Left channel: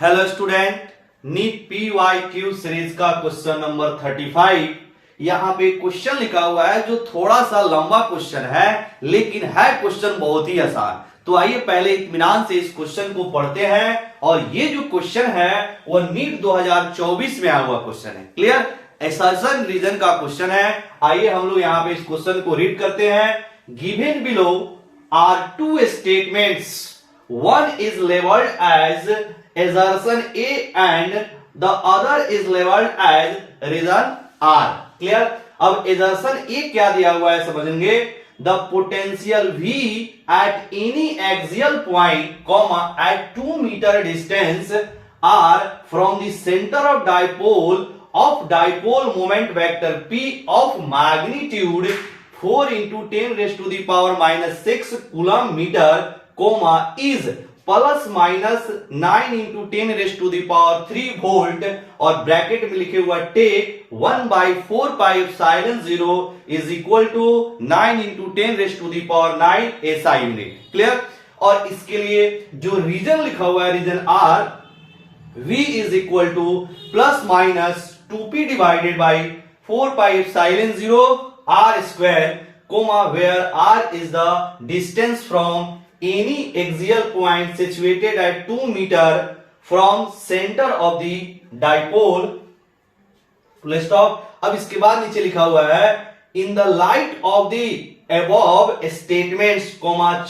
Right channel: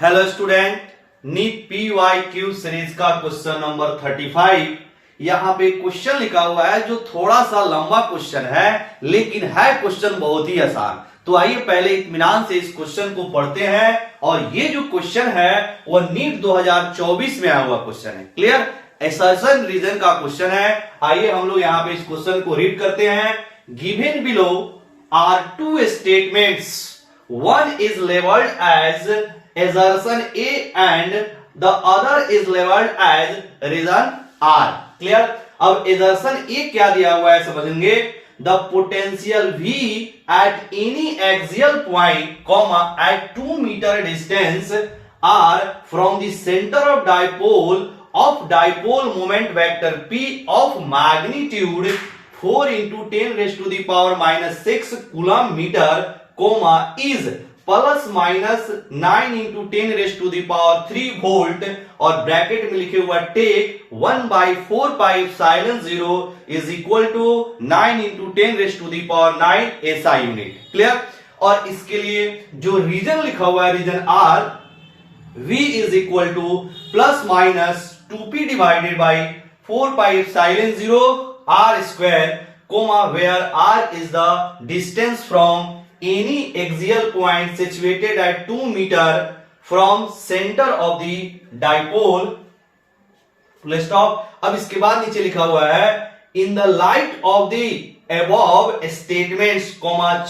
Hello student, NEET PYQ series का question number 35। यहां पे क्वेश्चन लिखा हुआ है जो थोड़ा सा लंबा क्वेश्चन है, लेकिन है क्वेश्चन बहुत ही आसान। तो आइए पहले इत्मीनान से इस क्वेश्चन को पढ़ते हैं। और ये जो क्वेश्चन है वो नीट 2024 में आया हुआ क्वेश्चन है। क्लियर, असर्शन रीजन का क्वेश्चन है। आइए हम लोग यहां पे इस क्वेश्चन को रीड करते हैं। Given below are two statements, one is labeled as assertion A and the other is labeled as reason R. Clear? अब assertion A क्या दिया हुआ है समझेंगे। The potential V at any axial point, comma at 2 meter distance are from the center of dipole moment vector P of magnitude 4 into 10 raised to the power minus 6 coulomb meter, comma is plus minus 9 into 10 raise to the power 3 volt, और bracket में लिखे हुआ take 1/4 pi epsilon 0 is equal to 9 into 10 raise to the power 9 SI unit. Clear. और इसके लिए जो reason लिखा हुआ है, reason R, V is equal to plus minus 2P divided by 4 pi epsilon 0 R square, comma where R is the distance from any axial point situated at 2 meter from center of the dipole, full stop। अब इसके बाद नीचे लिखा हुआ है in the light of the above statements,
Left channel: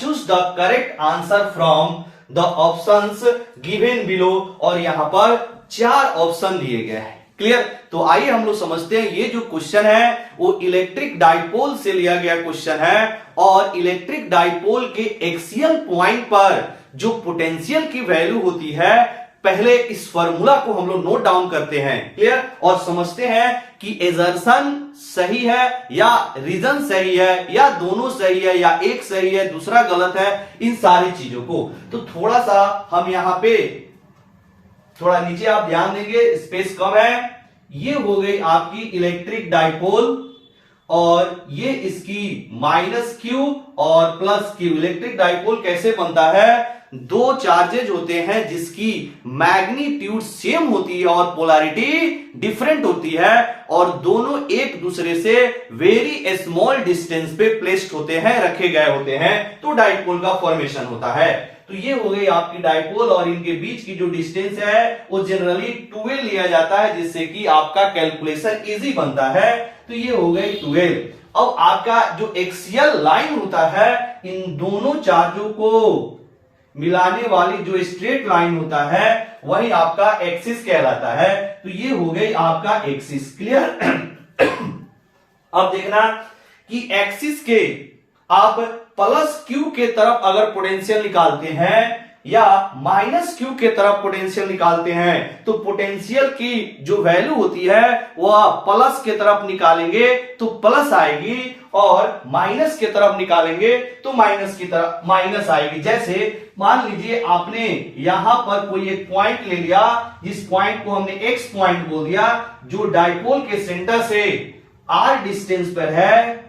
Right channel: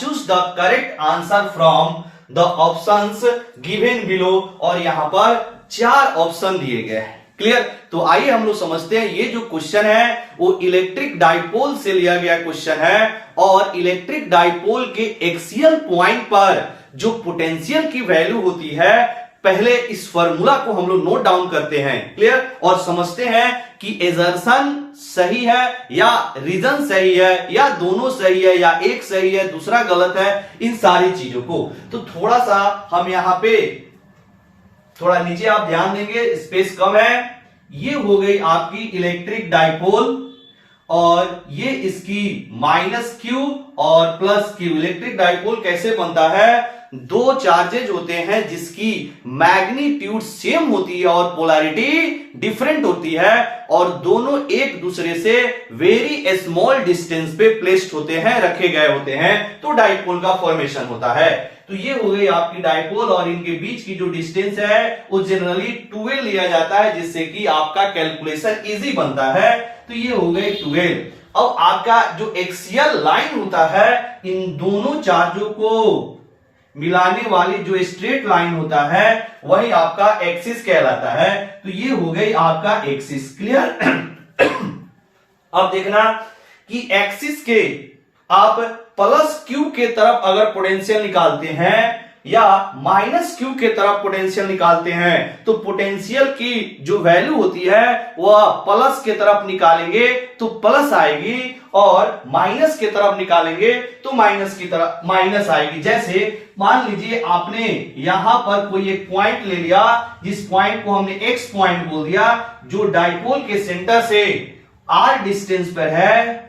choose the correct answer from the options given below। और यहां पर 4 ऑप्शन दिए गए हैं। क्लियर। तो आइए हम लोग समझते हैं। ये जो क्वेश्चन है वो इलेक्ट्रिक डाइपोल से लिया गया क्वेश्चन है, और इलेक्ट्रिक डाइपोल के एक्सियल पॉइंट पर जो पोटेंशियल की वैल्यू होती है, पहले इस फॉर्मूला को हम लोग नोट डाउन करते हैं। क्लियर। और समझते हैं कि एजर्शन सही है या रीजन सही है या दोनों सही है या एक सही है दूसरा गलत है, इन सारी चीजों को। तो थोड़ा सा हम यहां पे थोड़ा नीचे आप ध्यान देंगे, स्पेस कम है। ये हो गई आपकी इलेक्ट्रिक डाइपोल, और ये इसकी माइनस Q और प्लस Q। इलेक्ट्रिक डाइपोल कैसे बनता है? दो चार्जेज होते हैं जिसकी मैग्नीट्यूड सेम होती है और पोलैरिटी डिफरेंट होती है, और दोनों एक दूसरे से वेरी स्मॉल डिस्टेंस पे प्लेस्ड होते हैं, रखे गए होते हैं, तो डाइपोल का फॉर्मेशन होता है। तो ये हो गई आपकी डाइपोल, और इनके बीच की जो डिस्टेंस है वो जनरली 12 लिया जाता है, जिससे कि आपका कैलकुलेशन इजी बनता है। तो ये हो गई 12। अब आपका जो एक्सियल लाइन होता है, इन दोनों चार्जों को मिलाने वाली जो स्ट्रेट लाइन होता है, वही आपका एक्सिस कहलाता है। तो ये हो गई आपका एक्सिस। क्लियर। अब देखना कि एक्सिस के आप प्लस Q के तरफ अगर पोटेंशियल निकालते हैं या माइनस Q के तरफ पोटेंशियल निकालते हैं, तो पोटेंशियल की जो वैल्यू होती है वह प्लस के तरफ निकालेंगे तो प्लस आएगी, और माइनस के तरफ निकालेंगे तो माइनस की तरफ माइनस आएगी। जैसे मान लीजिए आपने यहां पर कोई एक पॉइंट ले लिया, जिस पॉइंट को हमने X पॉइंट बोल दिया, जो डाइपोल के सेंटर से R डिस्टेंस पर है।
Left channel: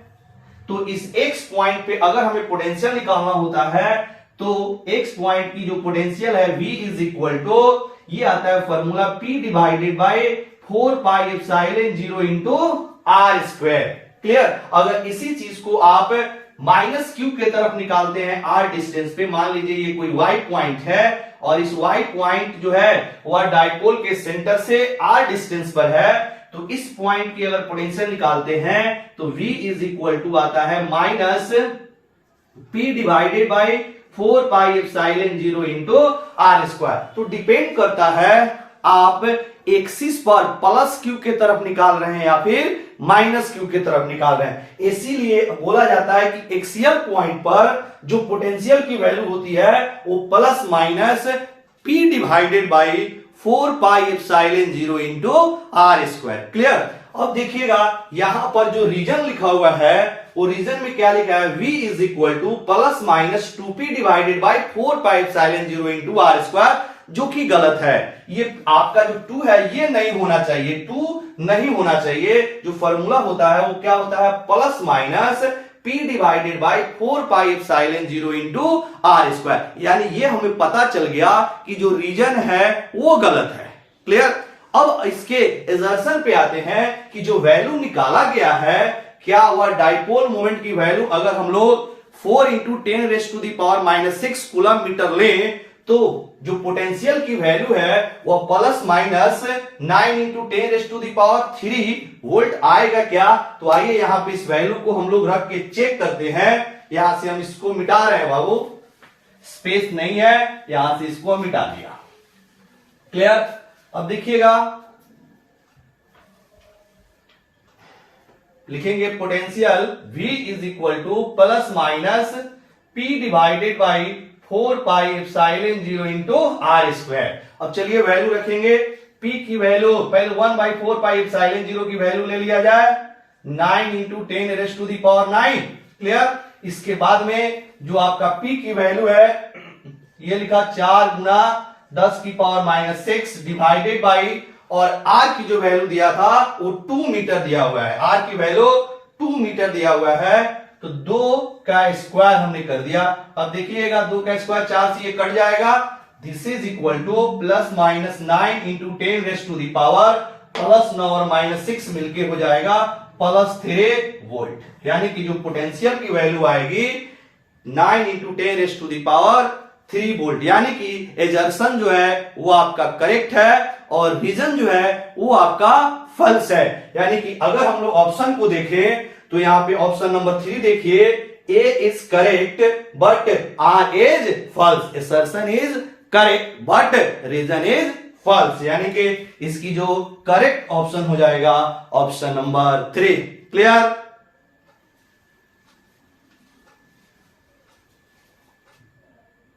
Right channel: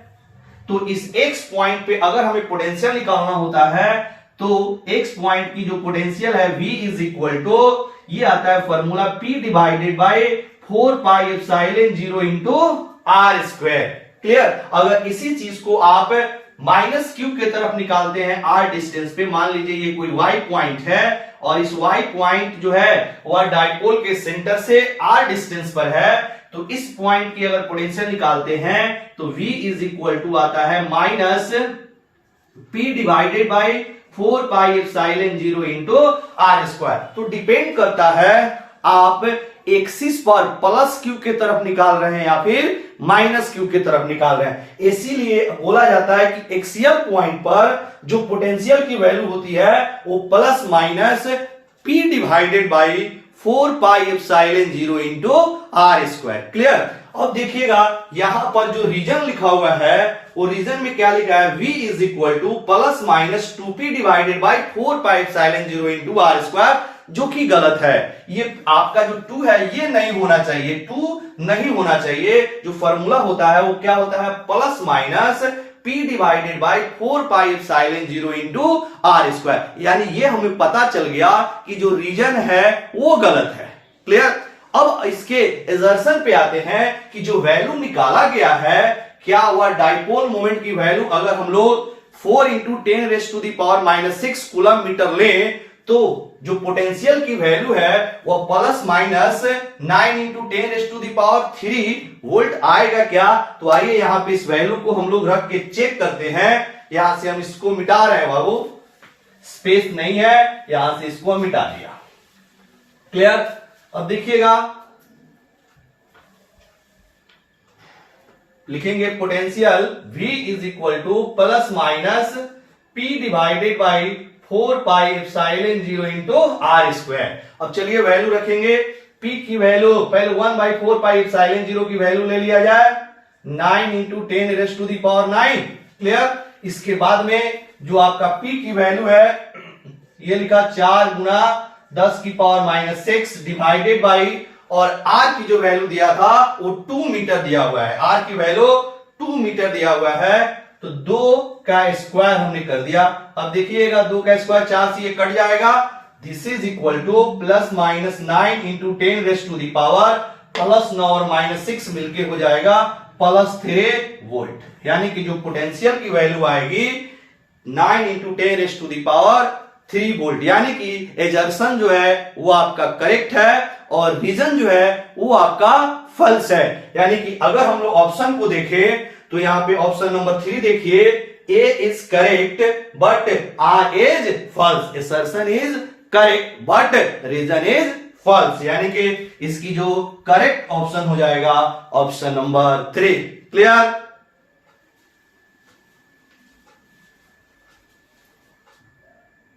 तो इस X पॉइंट पे अगर हमें पोटेंशियल निकालना होता है, तो X पॉइंट की जो पोटेंशियल है V इज इक्वल टू, ये आता है formula P divided by 4 pi epsilon 0 into R square. Clear. अगर इसी चीज को आप माइनस Q के तरफ निकालते हैं R डिस्टेंस पे, मान लीजिए ये कोई Y पॉइंट है, और इस Y पॉइंट जो है वह डाइपोल के सेंटर से R डिस्टेंस पर है, तो इस पॉइंट की अगर पोटेंशियल निकालते हैं तो V इज इक्वल टू आता है minus P divided by 4 pi epsilon 0 into R square. तो डिपेंड करता है आप एक्सिस पर प्लस Q के तरफ निकाल रहे हैं या फिर माइनस Q के तरफ निकाल रहे हैं। इसीलिए बोला जाता है कि एक्सियल पॉइंट पर जो पोटेंशियल की वैल्यू होती है वो plus minus P divided by 4 pi epsilon 0 into R square. Clear. अब देखिएगा यहां पर जो रीजन लिखा हुआ है, वो रीजन में क्या लिखा है? V is equal to plus minus 2P divided by 4 pi epsilon 0 into R square, जो कि गलत है। ये आपका जो 2 है ये नहीं होना चाहिए, 2 नहीं होना चाहिए। जो फॉर्मूला होता है वो क्या होता है? Plus minus P divided by 4 pi epsilon 0 into R square. यानी ये हमें पता चल गया कि जो रीजन है वो गलत है। क्लियर। अब इसके एजर्शन पे आते हैं कि जो वैल्यू निकाला गया है, क्या वह डाइपोल मोमेंट की वैल्यू अगर हम लोग 4 into 10 raise to the power -6 coulomb metre लें तो जो पोटेंशियल की वैल्यू है वह plus minus 9 into 10 raise to the power 3 volt आएगा क्या? तो आइए यहां पे इस वैल्यू को हम लोग रख के चेक करते हैं। यहां से हम इसको मिटा रहे हैं बाबू, स्पेस नहीं है, यहां से इसको मिटा दिया। क्लियर। अब देखिएगा, लिखेंगे potential V is equal to plus minus P divided by 4 pi epsilon 0 into R square. अब चलिए वैल्यू रखेंगे। P की वैल्यू पहले 1/4 पाई एप्सिलॉन 0 की वैल्यू ले लिया जाए, 9 into 10 raise to the power 9। Clear. इसके बाद में जो आपका P की वैल्यू है ये लिखा 4 गुना 10 की पावर -6 डिवाइडेड बाई, और R की जो वैल्यू दिया था वो 2 मीटर दिया हुआ है। R की वैल्यू 2 मीटर दिया हुआ है, तो 2 का स्क्वायर हमने कर दिया। अब देखिएगा 2 का स्क्वायर 4 से ये कट जाएगा। This is equal to plus minus 9 into 10 raise to the power plus 9 और -6 मिलके हो जाएगा +3 वोल्ट। यानी कि जो पोटेंशियल की वैल्यू आएगी 9 into 10 raise to the power 3 volt. यानी कि एजर्शन जो है वो आपका करेक्ट है और रीजन जो है वो आपका फॉल्स है। यानी कि अगर हम लोग ऑप्शन को देखें तो यहां पे ऑप्शन नंबर 3 देखिए, A is correct but R is false. Assertion is correct but reason is false. यानी कि इसकी जो करेक्ट ऑप्शन हो जाएगा ऑप्शन नंबर 3। क्लियर।